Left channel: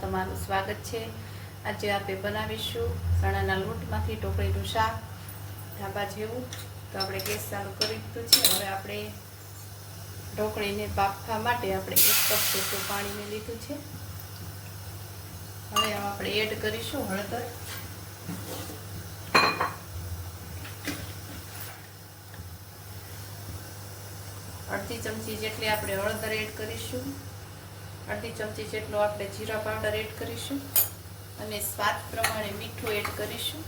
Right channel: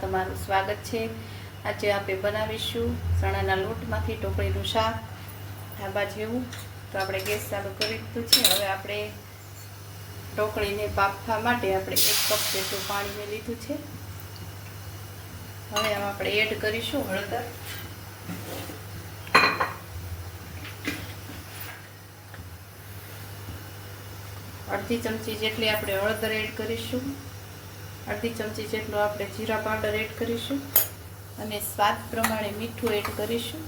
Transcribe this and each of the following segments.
તમારું સ્વાગત છે. આજે આપણે બનાવીશું ચણાના લોટમાંથી ઢોકળીનું શાક ઢાબા જેવું. તો આપણે ગેસ ચાલુ કરી દીધું છે. હવે આપણે ઢોકળીને બાફવા માટે આપણે એક કપ જેટલું પાણી મેં લીધું છે. હવે આપણે એડ કરીશું હળદર. અડધી ચમચી જેટલી આપણે હળદર એડ કરીશું. અડધી ચમચી જેટલો આપણે જીરા પાવડર એડ કરીશું અને સ્વાદ પ્રમાણે મીઠું એડ કરીશું.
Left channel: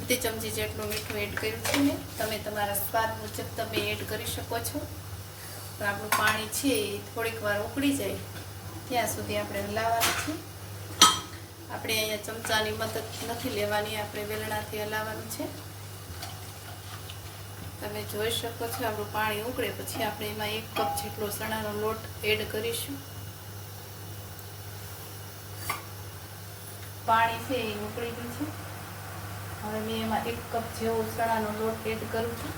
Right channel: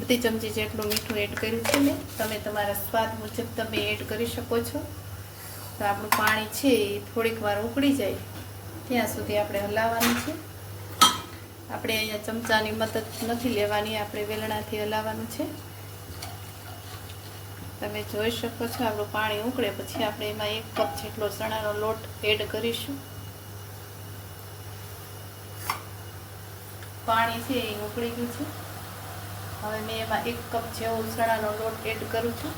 અડધી ચમચી જેટલું મીઠું એડ કર્યું છે ને તમે તમારા સ્વાદ મુજબ તમે એડ કરી શકો છો. તો આપણું પાણી છે એ થોડીક વાર ઉકળી જાય. ત્યાં સુધી આપણે હલાવવાનું છે. આપણે અહીંયા ચમચાની મદદ નથી લેવાની, આપણે વેલણાથી હલાવવાનું છે. તમે જોઈ શકો છો, આપણું પાણી ઉકળે, પછી આપણે એમાં એક કપ જેટલો ચણાનો લોટ એડ કરીશું. પાણી છે એ ઉકળી ગયું છે. હવે મેં એમાં એક કપ જેવો ચણાનો લોટ એડ કરું છું.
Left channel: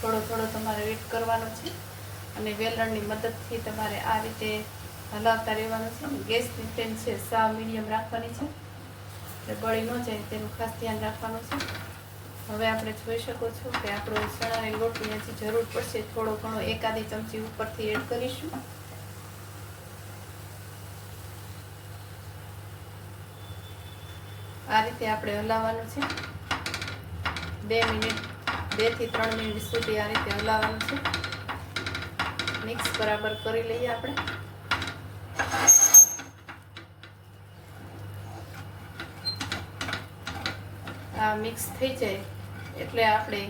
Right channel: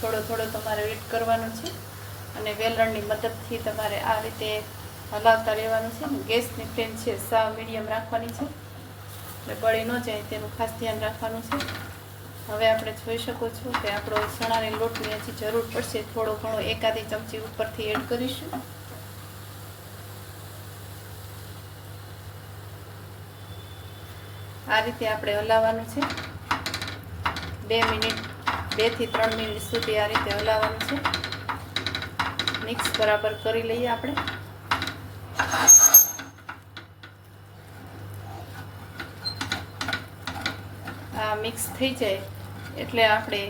થોડો થોડો તમારે એડ કરવાનો છે. અને વેલણની મદદથી તમારે આ રીતે હલાવતા રહેવાનું છે. અને ગેસની ફ્લેમ છે, સાવ મીડિયમ રાખવાની છે. એટલે બળી ન જાય તેનું ખાસ ધ્યાન રાખવાનું છે. હવે આપણે જોઈ શકો છો કે આપણો ચણાની લોટની હજી જરૂર પડશે. થોડો ઘણો એકાદી ચમચી ઉપરથી એડ કરીશું. આ રીતે આપણે હલાવવાનું છે. બે મિનિટ બેથી ત્રણ મિનિટ સુધી આ રીતે હલાવવાનું છે. મિક્સ બરાબર કરી લઈએ આપણે. આ મિક્સ થઈ જાય. એટલે આપણે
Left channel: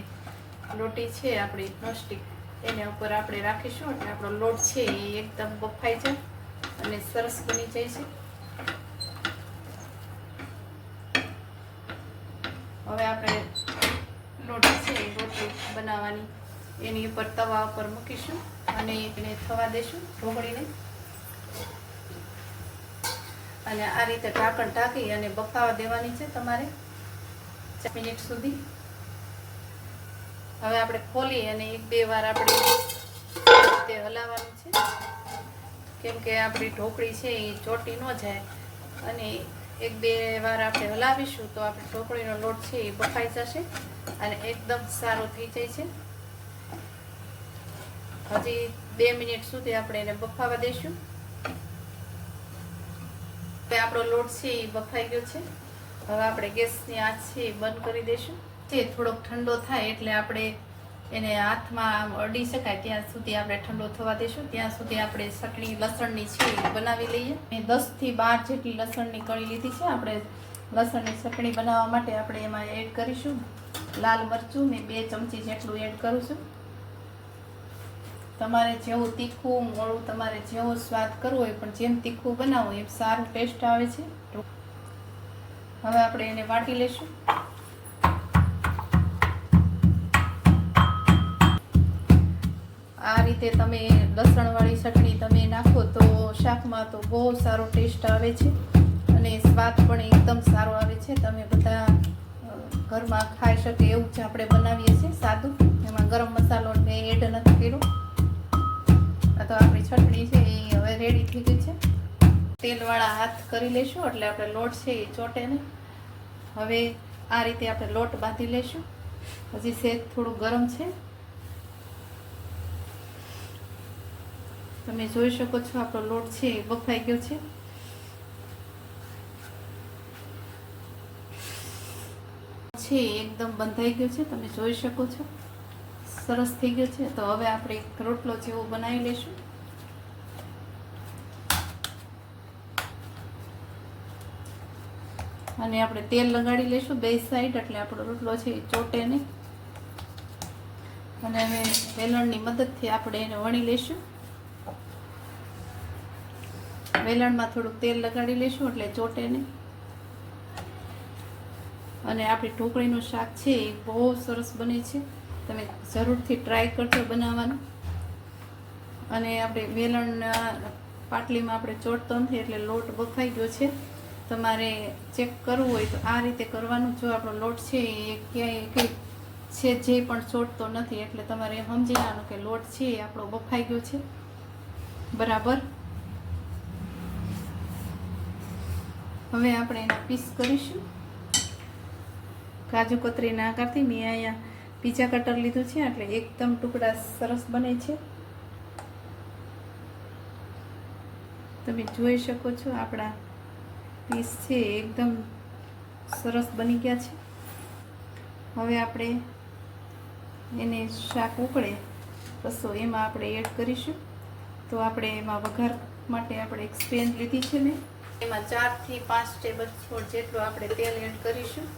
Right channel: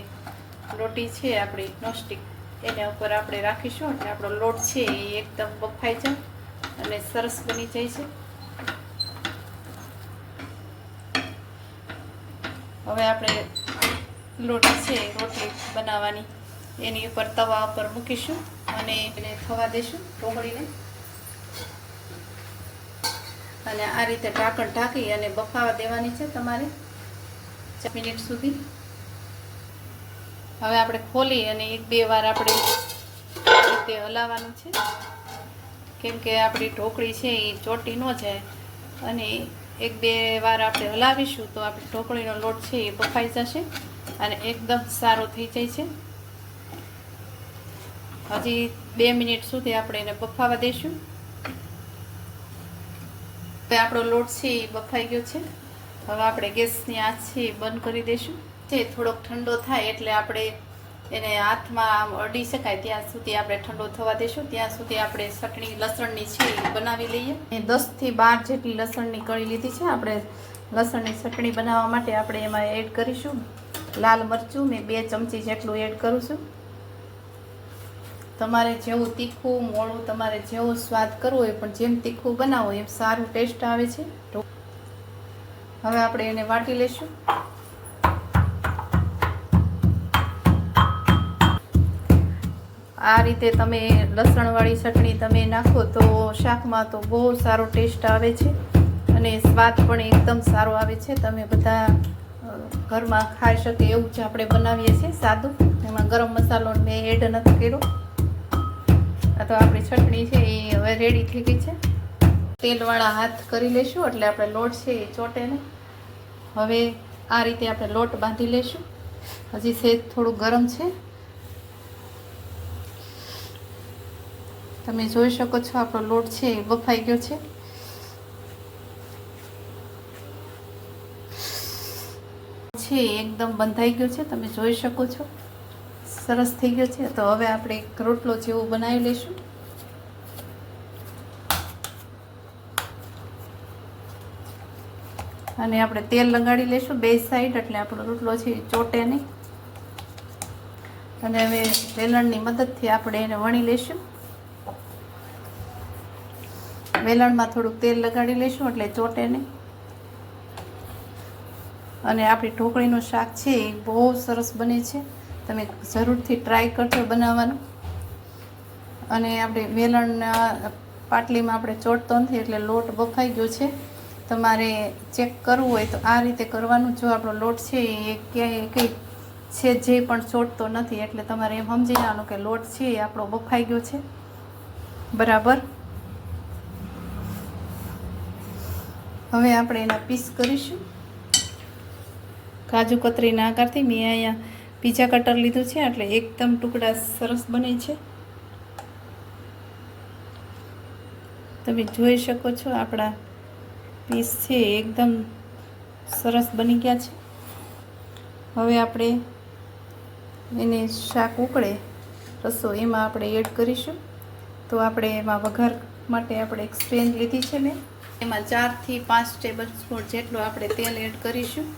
લોટી છે, આપણી નોસ્ટિક. એના ઉપર આપણે રાખીશું એટલે આપણો લોટ છે એ એકદમ બફાઈ જાય અને સરસ બની જાય છે. હવે આપણે લોટ છે રોટલી બનાવવાની. એની ઉપર તવા ઉપર મૂકીશું અને એને થવા દેશું ઢોકળીને અને આ રીતે ઢાંકણ ઢાંકી અને બફાવા દેવાની છે તમારે. ચાર મિનિટ સુધી. હવે આપણે ખોલી અને એક બે વાર આપણે તે હલાવવાનું છે. કેમ કે આપણી ઢોકળી છે એ ચોટી ન જાય. અને એક બે વાર આપણે હલાવીશું તો આપણે ઢોકળીનો લોટ છે એ બફાઈ જશે અને એકદમ સારો થઈ જાય છે. હજી બે મિનિટ સુધી આપણે એને બફાવા દઈશું. કે આપણો લોટ છે એ બફાઈ ગયો છે. હવે આપણે ગેસની આંચ છે બંધ કરી દઈશું જે થોડોક ઠંડો થાય એટલે આપણે એને હાથમાં અડી શકાય ત્યાં સુધી આપણે ઠંડો થવા દઈશું ત્યાં સુધી આપણે ચટણી, લસણની છે બનાવી લઈએ. મેં દસથી બાર જેટલી લસણની કળી લીધી છે. આપણે લસણની ચટણી બનાવવા માટે આપણે એમાં એડ કરીશું. લાલ મરચું મેં બે ચમચી જેટલું એડ કરું છું. તમારે જેવું તીખું, મોળું તમારે જેવો સ્વાદ કરવો હોય પણ જેમ તીખું બનાવો એમ સારું ટેસ્ટ આવે છે. હવે આપણે એને વાટી લઈશું. આ રીતે તમે લસણવાળી ચટણી તમે નાખો તો શાકમાં તો બહુ સારો ટેસ્ટ આવે છે અને સ્વાદ પણ એકદમ સારો આવે છે. તમે બધા ઘરમાં ખાઈ શકે એવું જ આપણે બનાવીએ છીએ સાદું. એમાં ગરમ મસાલો મેં એડ નથી કર્યો. આ તો આપણી ચટણી છે, એ હવે રેડી થઈ ગઈ છે. તેલવાળા હાથ કરી લઈશું એટલે આપણે લોટ છે એ ચોટે ને હવે આ રીતે આપણે લોટ બાંધી લઈશું હજી સેજ થોડું ગરમ છે. તમે જોઈ શકો છો આપણો લોટ છે એ બફાઈ ગયો છે. છે એકદમ બંધાઈ ગયો છે, તમે જોઈ શકો છો. સરસ થઈ ગયો છે. તો હવે આપણે એક રોટલો જેવો બનાવી લઈશું અને આપણે તેલ લગાડી લઈશું બે સાઈડ એટલે આપણો રોટલો છે ચોટે નહીં. અને હવે વેલણની મદદથી આપણે એને વણી લઈશું. વેલણમાં થોડુંક તેલ લગાડી લઈશું, એટલે ચોટે નહીં. અને આપણી ઢોકળીનું શાક છે એ બહુ સરસ બને છે. તમે જરૂરથી ટ્રાય કરજો બનાવવાનું. અને આપણે વેલણના પાટલીમાં આપણે ચોટતો નથી, એટલે લોટ બફાઈ ગયો છે. તમારે ચેક કરવું હોય તો આ રીતે કરવાનું જો આપણો લોટ છે એ ક્યાંય કંઈ છે જે પણ ચોટતો નથી, એટલે તમારે એમ સમજી લેવાનું કે લોટ છે એ આપણો બફાઈ ગયો છે. બરાબર? હવે આપણે એના પીસ કરીશું. કાજુ કતરીના આકારથી મેં અહીંયા પીઝા કટર લીધું છે, એટલે એકદમ ટુકડા સરસ બને છે. તમે જોઈ શકો છો આપણા પીસ છે એકદમ સરસ બની ગયા છે. હવે આપણે એને શાક ઉકળે, રસો એમાં આપણે એડ કરીશું. તો આપણે એમાં વઘાર માટે આપણે એક સ્પેન લીધી છે ને, એમાં ચારથી પાંચ ટેબલ સ્પૂન જેટલું આપણે તેલ એડ કરીશું.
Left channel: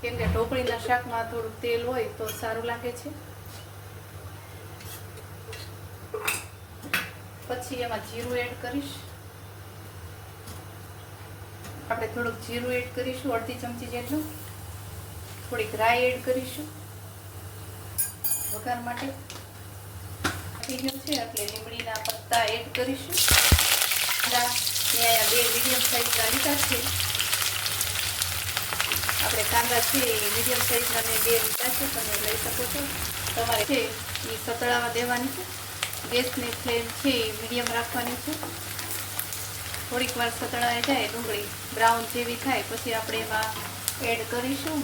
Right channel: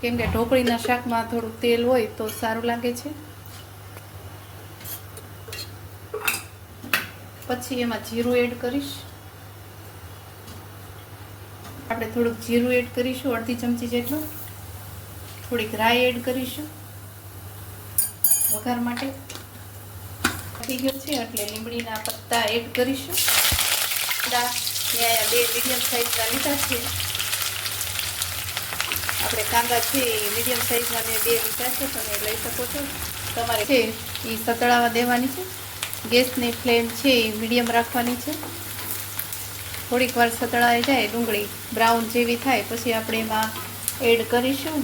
કેમ કે ઢોકળીના શાકમાં થોડું તેલ હોય તો સારું લાગે છે. પછી એમાં જીરું એડ કરીશ. આપણે થોડુંક જીરું એડ કરીશું, અડધી ચમચી જેટલું. થોડીક રાઈ એડ કરીશું. વઘાર માટે થઈ ગયું છે, એટલે લીમડીના પત્તા એડ કરીશું. મેં બે મીડિયમ સાઈઝના લીધા છે. આપણે કાંદા છે એ મીડિયમ સાઈઝના મેં બે લીધા છે, તમે લઈ શકો છો. તમારે છે એ સતળાવા દેવાની છે. ગેસની ફ્લેમ છે એ મીડિયમ રાખવાની છે. થોડીક વાર સતળાઈ જાય, ડુંગળી બ્રાઉન જેવી થાય, પછી આપણે એમાં એડ કરીશું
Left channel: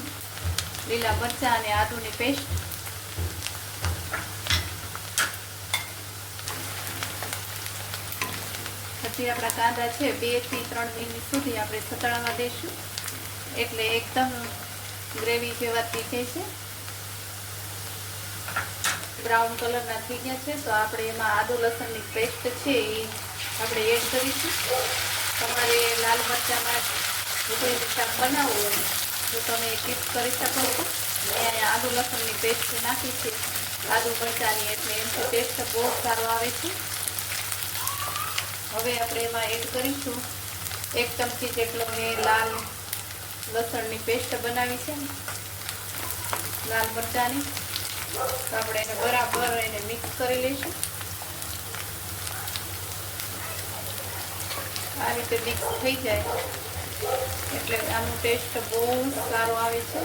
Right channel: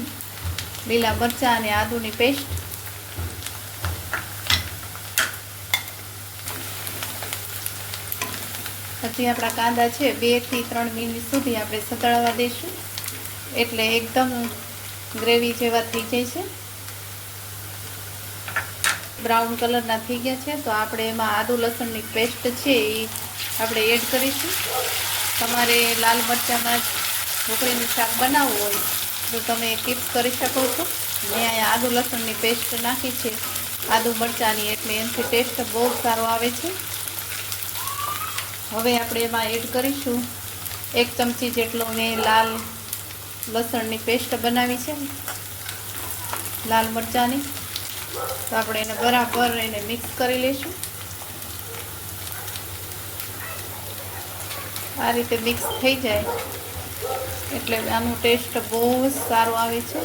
લીલા મરચાં અને આદુની પેસ્ટ પછી આપણા કાંદા છે, બેથી ત્રણ મિનિટ સુધી આપણે સતળાવા દઈશું એટલે એકદમ ગ્રેવી જેવા થઈ જશે. બ્રાઉન કલરના થઈ ગયા છે, તો આપણે એમાં આદુ લસણની પેસ્ટ છે એ આપણે એડ કરીશું. તમારે લાલ મરચાંમાં ઢોકળીનું શાક બનાવવું હોય તો તમે ટીપ્સ કરી શકો છો. મેં અહીંયા આદુ લસણની પેસ્ટ નાખી છે. આદુ મરચાંની એટલે એનાથી ટેસ્ટ બહુ સારો આવે છે. હવે આપણે એમાં એડ કરીશું. એક ચમચી જેટલો મેં લાલ લસણની પેસ્ટ બનાવી છે. લાલ મરચાંની. તો આપણે એને બરાબર એને મિક્સ કરી લઈશું. આ રીતે મિક્સ થઈ જાય. એટલે આનો ટેસ્ટ બહુ જ સારો આવે છે.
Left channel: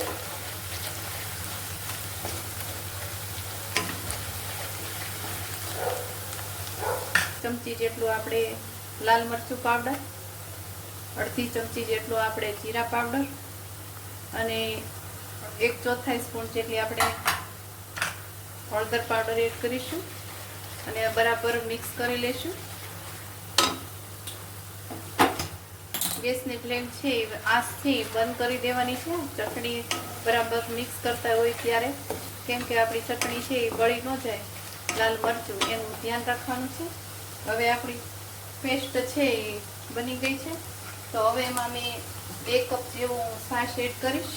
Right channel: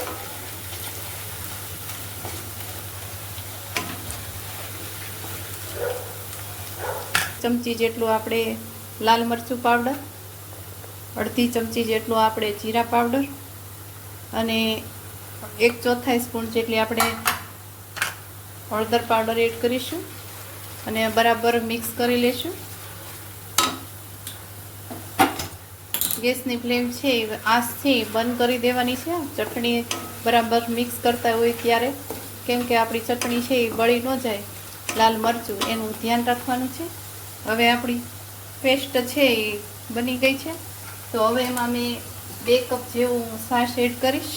ચમચી જેટલું આપણે લાલ મરચું પાવડર અડધી ચમચી જેટલું આપણે જીરા પાવડર અને એક ચોથાઈ સ્પૂન જેટલી આપણે હળદર પાવડર એડ કરીશું અને બરાબર મિક્સ કરી લઈશું ગેસની ફ્લેમ છે એ બંધ કરી દેવાની છે. ચટણી બરાબર મિક્સ કરતા હોય ત્યારે, કેમ કે આપણી ચટણી છે એ બળી ન જાય, લાલ મરચું એનું ધ્યાન રાખવાનું છે. હવે આપણી પેસ્ટ છે એ બની ગઈ છે. તો હવે એમાં મેં બે કપ જેવું છાશ એડ કરીશ.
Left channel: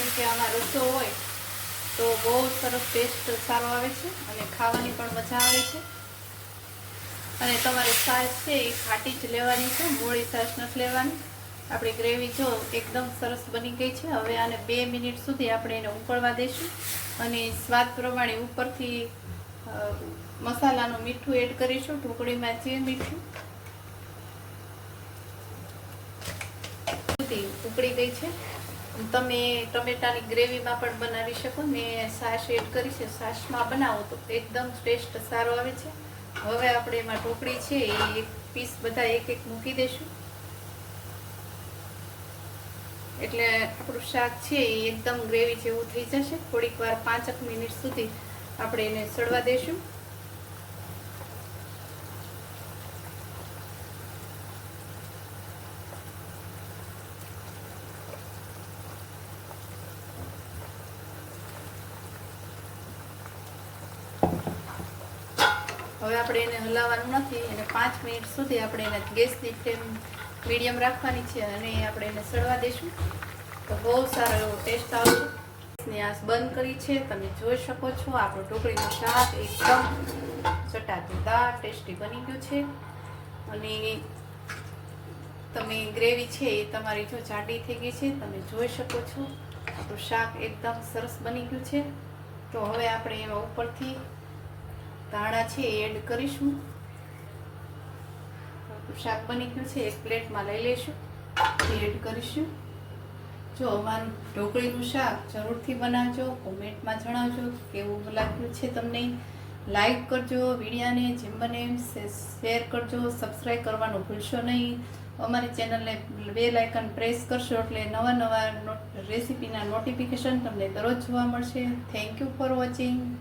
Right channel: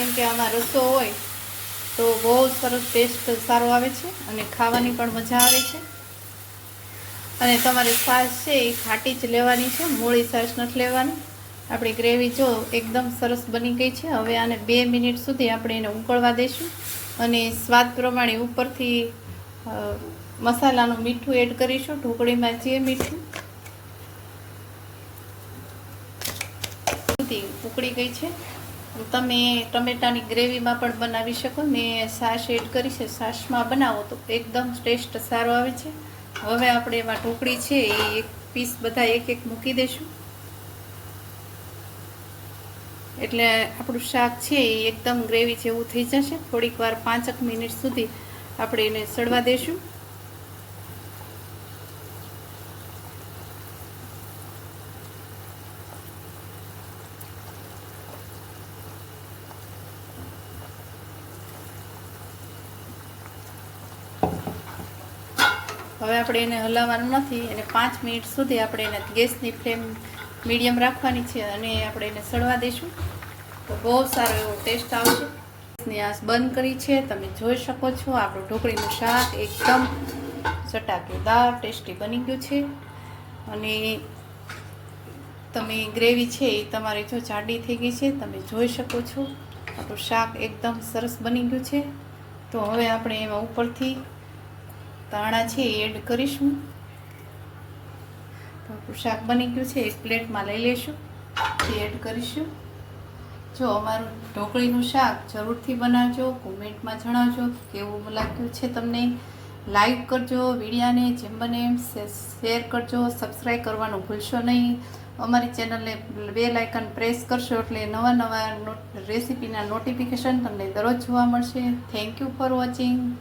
કેમ કે આમાં રસો હોય, તો બહુ સરસ ટેસ્ટ સારો આવે છે અને ખાવાની પણ મજા આવે છે. અને તમારી છાશ છે એ ખાટી જ લેવાની છે, મોળી છાશ નથી લેવાની. આપણી ગ્રેવી જો એકદમ સરસ બની ગઈ છે, હવે આને બે મિનિટ સુધી આપણે એને ઉકળવા દઈશું અને સ્વાદ પ્રમાણે ઉપરથી મસાલાનું મીઠું એડ કરીશું, ઢોકળીમાં જે મીઠું ઉકળી ગઈ છે. તમે ટમેટાની ગ્રેવીમાં પણ બનાવી શકો. મેં છાશ એડ કરી છે છાશમાં બનાવો તો એકદમ ટેસ્ટ સારો આવે છે. હવે આપણે એમાં ઢોકળી છે, એ એક પીસ બધા એક એક મૂકી દઈશું. એટલે આપણું શાક છે, એ એકદમ ગ્રેવી જેવું થઈ જશે. થોડીક વાર પાંચક મિનિટ સુધી આપણે એને સડવા દઈશું. હવે આપણે એને હલાવવાનું નથી અને પાંચ મિનિટ સુધી આપણે એને ગેસની ફ્લેમ મીડિયમ રાખવાની છે અને આપણે એને સડવા દઈશું. તો બહુ સારો એવો ટેસ્ટ આવશે. ગેસની આંચ બંધ કરી છે. તમે જોઈ શકો છો આપણું ઢોકળીનું શાક એકદમ ચટાકેદાર ટેસ્ટી બની ગયું છે. અને તમે ગ્રેવી છે એ તમારી જો જાડી થઈ ગઈ છે, તમે જોઈ શકો છો. આપણું શાક એકદમ સરસ બની ગયું છે. તો હવે આપણે એમાં ઉપરથી ધાણા છે એડ કરીશું. શાક બની ગયું છે, એક પ્લેટમાં લઈ લઈશું તે એડ કરીશું. જો અમારું ઢોકળીનું શાક જરૂરથી બનાવજો, કોમેન્ટમાં જણાવજો કેવું લાગ્યું છે તમને. લાઈક કરજો, વિડીયાને જેમ બને શેર કરજો, સબસ્ક્રાઈબ કરવાનું ભૂલશો નહીં. અમારી ચેનલને બેલ આઇકન પ્રેસ કરશો એટલે નવા નવા રેસીપીના નોટિફિકેશન તમને દરરોજ જોવા મળશે. Thank you for watching